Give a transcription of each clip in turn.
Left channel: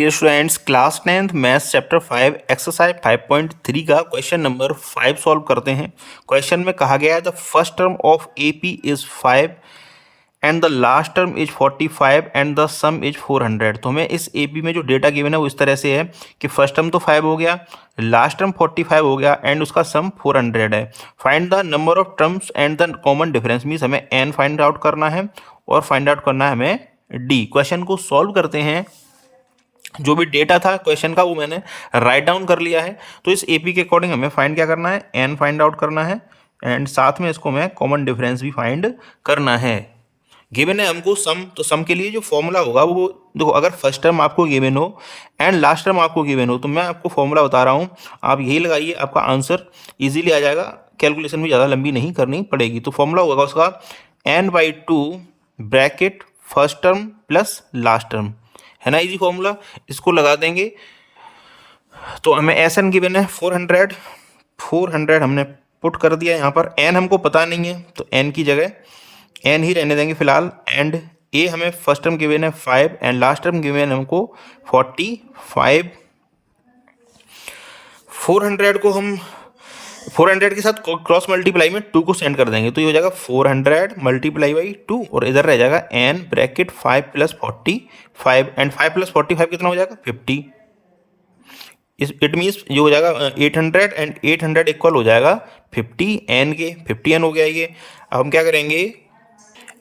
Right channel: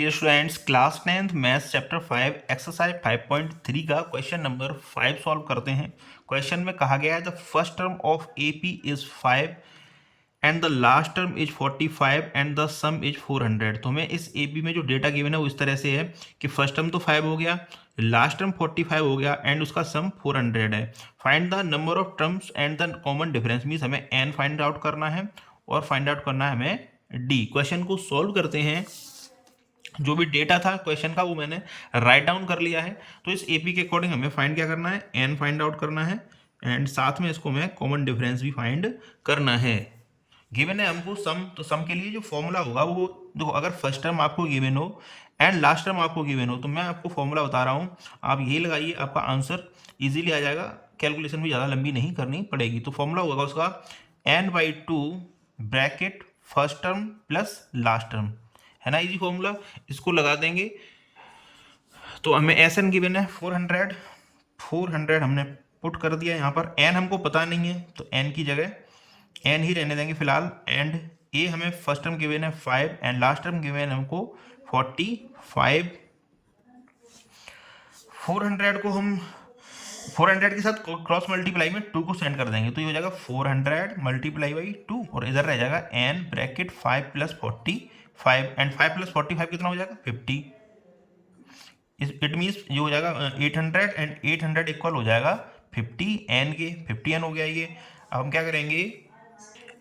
Dear students, class 10th maths chapter 5 exercise 5.3 का question number 5 solve करते हैं। Question में कहा गया है the first term of AP is 5 and the last term is 45 and the some is 400। तो हमें इस एपी में जो डेटा गिवन है वो इस तरह से है कि फर्स्ट टर्म तो 5 हो गया, लास्ट टर्म 45 हो गया एंड उसका सम 400 है। Find the number of terms and the common difference, means हमें एन फाइंड आउट करना है और फाइंड आउट करना है हमें डी। क्वेश्चन को सॉल्व करते हैं। जो भी डेटा था क्वेश्चन का वो मैंने राइट डाउन कर लिया है। तो इस एपी के अकॉर्डिंग हमें फाइंड क्या करना है, एन फाइंड आउट करना है एंड साथ में इसको हमें कॉमन डिफरेंस भी फाइंड करना है। गिवन है हमको सम, तो सम के लिए जो फॉर्मूला होगा वो देखो, अगर फर्स्ट टर्म आपको गिवन हो एंड लास्ट टर्म आपको गिवन हो तो मैं आपको फॉर्मूला बता रहा हूँ, आप यही लगाइए, आपका आंसर इजीली आ जाएगा। कैलकुलेशन भी ज़्यादा लंबी नहीं करनी पड़ेगी। तो फॉर्मूला होगा उसका n/2 bracket first term plus last term, है ना, इजी फॉर्मूला। इसको लगा देंगे तो हमें एस एन गिवन है 400 हमने पुट कर दिया। यहाँ पर एन हमको पता नहीं है तो एन की जगह एन ही रहने देंगे फिलहाल। एंड ए हमें फर्स्ट टर्म गिवन है 5 एंड लास्ट टर्म गिवन है हमको 45। 400 को हम 400 के साथ क्रॉस मल्टीप्लाई में 2 को सेंड कर देंगे तो ये हो जाएगा 400 मल्टीप्लाई बाई 2 और इधर रह जाएगा एन ब्रैकेट 5 + 45 एंड 5 + 45 कितना हो जाएगा 50। इट मीन्स जो हो जाएगा 800 एंड 800 इक्वल हो जाएगा 50 एन के। 50 एन हो गया ये। अब हम क्या करेंगे,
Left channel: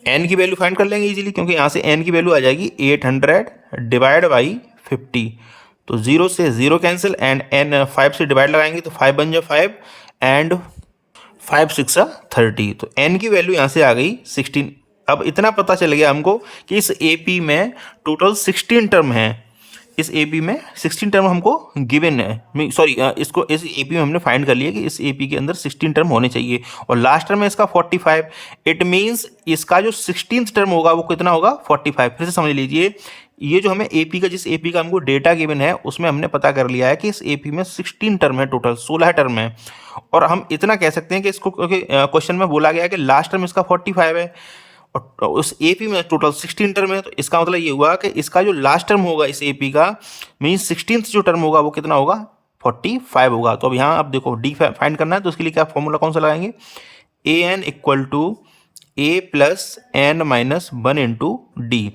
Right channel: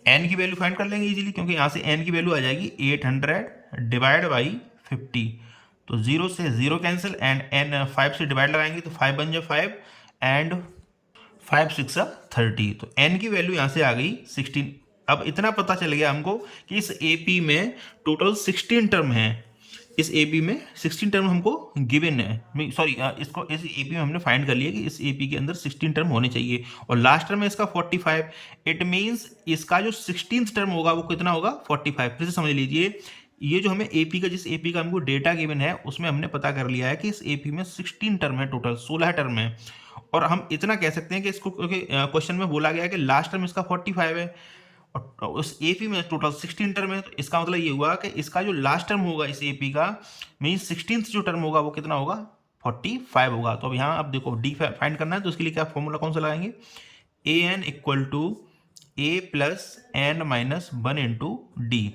एन की वैल्यू फाइंड कर लेंगे इजीली, क्योंकि यहाँ से एन की वैल्यू आ जाएगी 800 डिवाइड बाई 50। तो 0 से 0 कैंसिल एंड एन 5 से डिवाइड लगाएंगे तो 5 बन जाए 5 एंड 5 6 30। तो एन की वैल्यू यहाँ से आ गई 16। अब इतना पता चल गया हमको कि इस एपी में टोटल 16 टर्म है। इस एपी में 16 टर्म हमको गिवन है, सॉरी इसको इस एपी में हमने फाइंड कर लिया कि इस एपी के अंदर 16 टर्म होने चाहिए और लास्ट टर्म है इसका 45। इट मीन्स इसका जो 16th टर्म होगा वो कितना होगा 45। फिर से समझ लीजिए, ये जो हमें एपी का, जिस एपी का हमको डेटा गिवन है उसमें हमने पता कर लिया है कि इस एपी में 16 टर्म है, टोटल 16 टर्म है। और हम इतना कह सकते हैं कि इसको क्वेश्चन में बोला गया है कि लास्ट टर्म इसका 45 है और उस एपी में टोटल 16 टर्म है। तो इसका मतलब ये हुआ कि इसका जो लास्ट टर्म होगा इस एपी का, मीन्स 16th जो टर्म होगा वो कितना होगा 45 होगा। तो अब यहाँ अब देखो डी फाइंड करना है तो उसके लिए क्या फॉर्मूला कौन सा लगाएंगे, A N equal to A plus N minus 1 into D.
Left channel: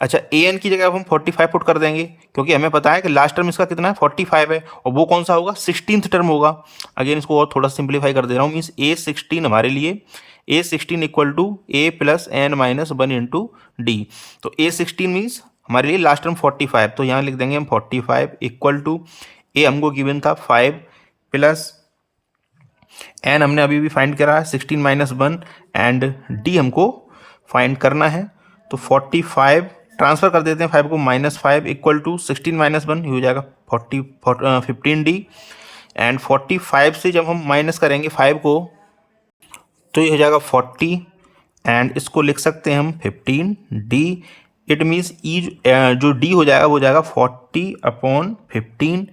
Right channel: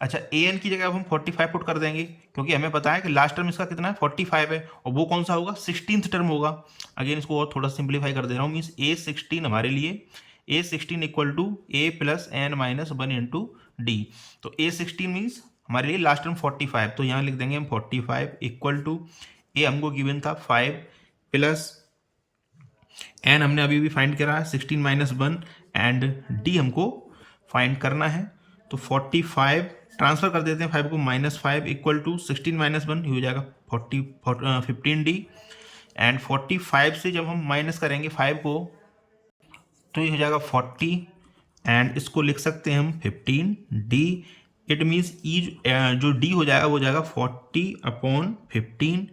अच्छा, ए एन की जगह अब हम 45 पुट कर देंगे क्योंकि हमें पता है कि लास्ट टर्म इसका कितना है 45 है और वो कौन सा होगा 16th टर्म होगा। अगेन इसको और थोड़ा सिंप्लीफाई कर दे रहा हूँ, मीन्स ए 16 हमारे लिए a 16 equal to A plus N minus 1 into d. तो ए 16 मीन्स हमारे लिए लास्ट टर्म 45, तो यहाँ लिख देंगे हम 45 इक्वल टू ए हमको गिवन था 5 प्लस एन हमने अभी भी फाइंड करा है 16 माइनस 1 एंड डी हमको फाइंड करना है। तो 45 ट्रांसफर कर देते हैं 5 को, -5 इक्वल टू 16 माइनस 1 हो जाएगा 15 डी एंड 45 से जब हम माइनस करेंगे 5 को तो ये हो जाएगा 40 एंड इसको लिख सकते हैं हम 15 डी। इट मीन्स ई जो डी हो जाएगा वो हो जाएगा 40/15।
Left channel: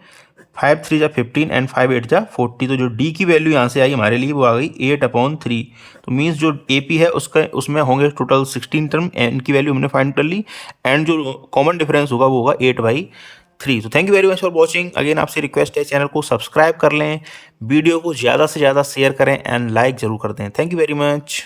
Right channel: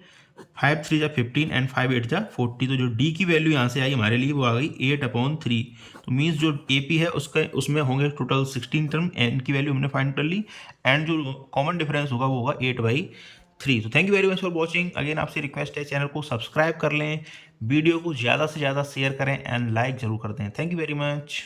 5 3 जा 15 एंड 5 8 जा 40। तो जो डी की वैल्यू यहाँ से आई हमारे लिए वो आ गई 8/3। तो मीन्स जो एपी है उसमें होंगे टोटल 16 टर्म, एन की वैल्यू हमने फाइंड कर ली एंड जो कॉमन डिफरेंस होगा वो होगा 8/3। तो thank you very much for watching. Again आपसे रिक्वेस्ट है चैनल को सब्सक्राइब कर लें, वीडियो को ज़्यादा से ज़्यादा शेयर करें एंड लाइक ज़रूर कर दें। Thank you very much.